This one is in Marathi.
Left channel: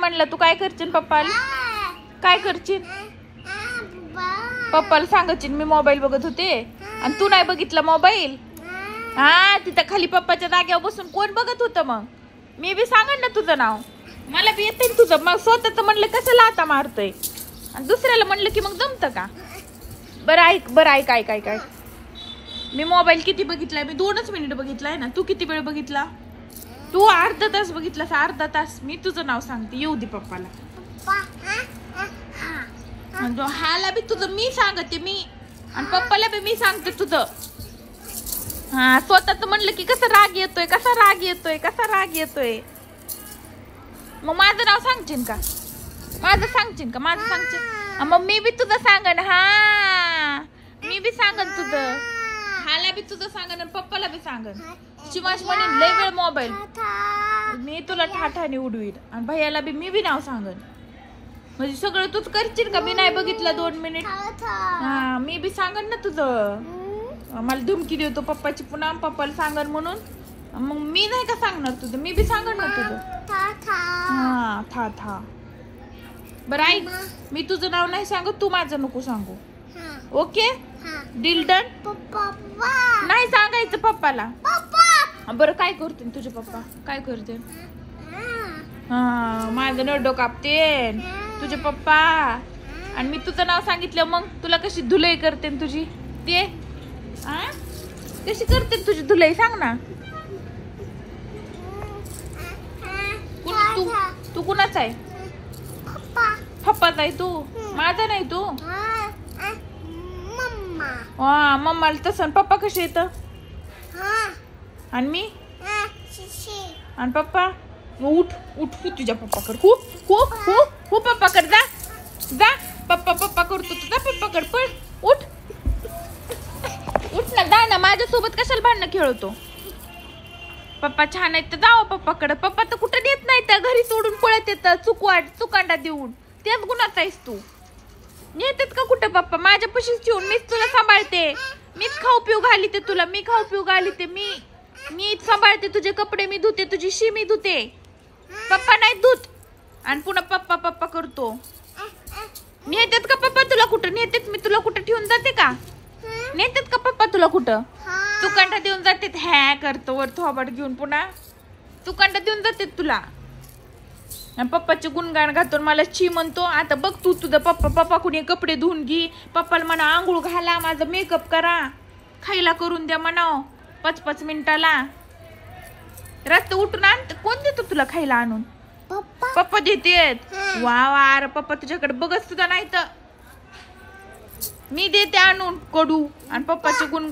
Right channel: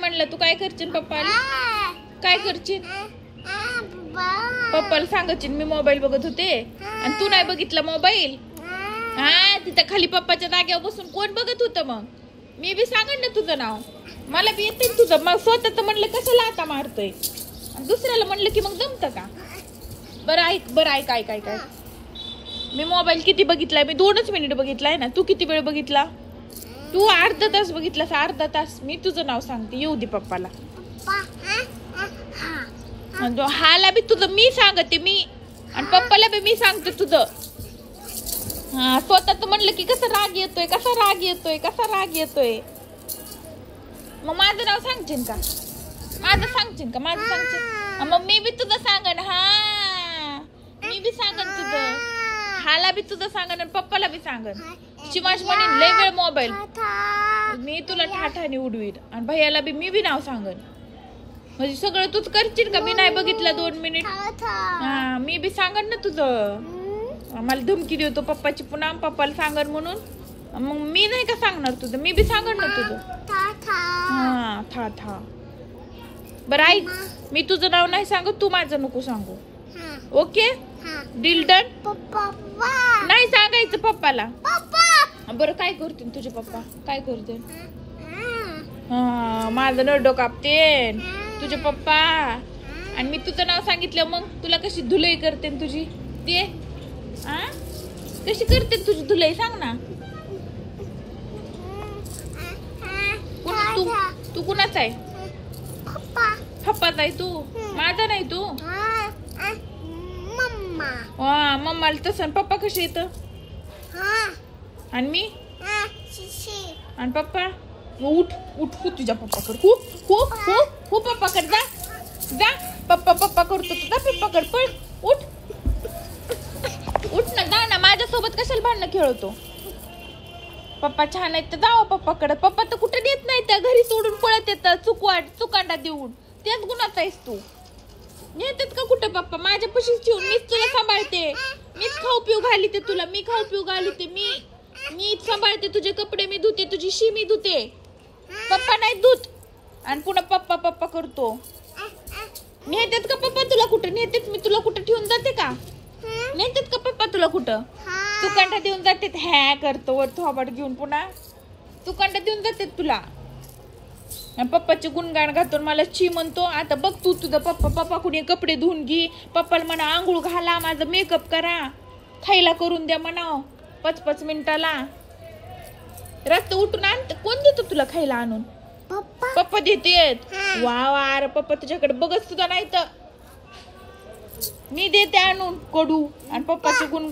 म्हणलं तू काय करशील पप्पाला? काय करशील? पप्पाला सांगायची मी मोबाईल बघत होते आणि तू नाही बघितला मोबाईल. हा तिथं खाली पप्पाच्या जागेवर बसून कोण बघत होतं? मग मी बी सांगन ना तुझं नाव, मला बी येते तुझं. मग स्वतःच म्हणलं कशाला आता मारतोय आणि दुसऱ्याला म्हणलं की मग जमतं का? बरं ऐक काय मी मोबाईल किती बघितलाय? मी 2च मिनिट बघितलाय ना. तू किती वेळ बघितला? तू अर्धा तास बघितलास. अर्धा तास. मी तुझं नाव सांगते, येऊ दे पप्पाला. हाला बी तुझं मी सांगते मी, आणि पप्पाला बी मी सांगते तुझं. हा स्वतःच म्हणलं की कसा राग येतोय, कसा राग येतोय, कसा राग येतोय. मग माझं नाव सांगशील का? माझं सांगशील का? माझं सांगशील मग मी बी तुझं सांगन. हा मी बी सांगन तुझं. हाला बी तुझं सांगन आणि पप्पाला बी सांगन. शिवाश म्हणेन लय वेळ मोबाईल, मी तुला ठाठाने उडवीन. आणि भैयाला बी मी बी नाव सांगन. म्हणजे सगळं तूच करशील का? मी नाही बघितलं 2 मिनिट. हा मी बी सांगन ना तुझं. मला धमकी देतो पप्पाची पुन्हा, पप्पाला सांगन म्हणून. मग मी नाही का सांगणार तुझं? मी बी सांगन ना तुझं. हा था. बरं ऐक, मी तुझं नाव नाही सांगत, तू माझं नको सांगू. Okay deal done? नाही सांगायचं पप्पाला. बरं काय करते तुझे पप्पा? काय करते? हा माझं नरडो कापते तुझे पप्पा. आणि मी तुझं नाव सांगितलं मग तुला कशी धुलाई करते तुझी? ते कशी करते तुझी धुलाई सांग ना. तू कुणाचा आहे? पप्पाचा आहे तू, माझा नाही तू. मम्माला तसं. पप्पा कसे येत? आणि मी आणि पप्पा उठ तुझ्या पप्पाकडे. खूप पप्पाकडे जा. पप्पा करतो तुझा. पप्पाकडे पण उठ ना, जा ना. माझ्यासोबत कशाला भांडणं खेळतो? पप्पा छान आहेत तर जावं पप्पाकडे. पप्पा तर कुठं देत नाही, तर घरी सोडून पळत येतात चुकांडा देऊन. तेच गुणाचा आहेस तू. येतात का कुठं पप्पा? माझ्या पशीच ठेवून मीच तुला सांभाळते. मीच खाऊ पिऊ घालीते तुला. मी खाऊ पिऊ घालीते. मीच सांभाळते. तुझे कपडे मी धुते, तुझी शी मी धुते. पप्पा नाही धुत. आणि पुन्हा पप्पा करतो. नेतात का पप्पा तुला कुठं? नेतात मी तुला कुठं ठेवून जाते का? नेतात का पप्पा तुला कुठं? चुकांडा देऊन जाते. ह्या करतो वर थोबाड घेऊन पुन्हा चुकांडा देऊन जाते तुला. पप्पाचे गुणगान गातो मला ची म्हणतो. आता बघ तू तुझं पप्पा कुणी कपडे धुवून घे. पप्पाला म्हणा आंघोळ घाला, माझा मेकअप करा, खायला करून द्या म्हणाव 5 मिनिटाला. रस्त उठून आण. कोण देतो तुला खायला आणून? पप्पा देतेत. वा पप्पा तुझ्याकडे बघत सुद्धा नाही तर मी देते आणून कडू. आणि पप्पाचे गुण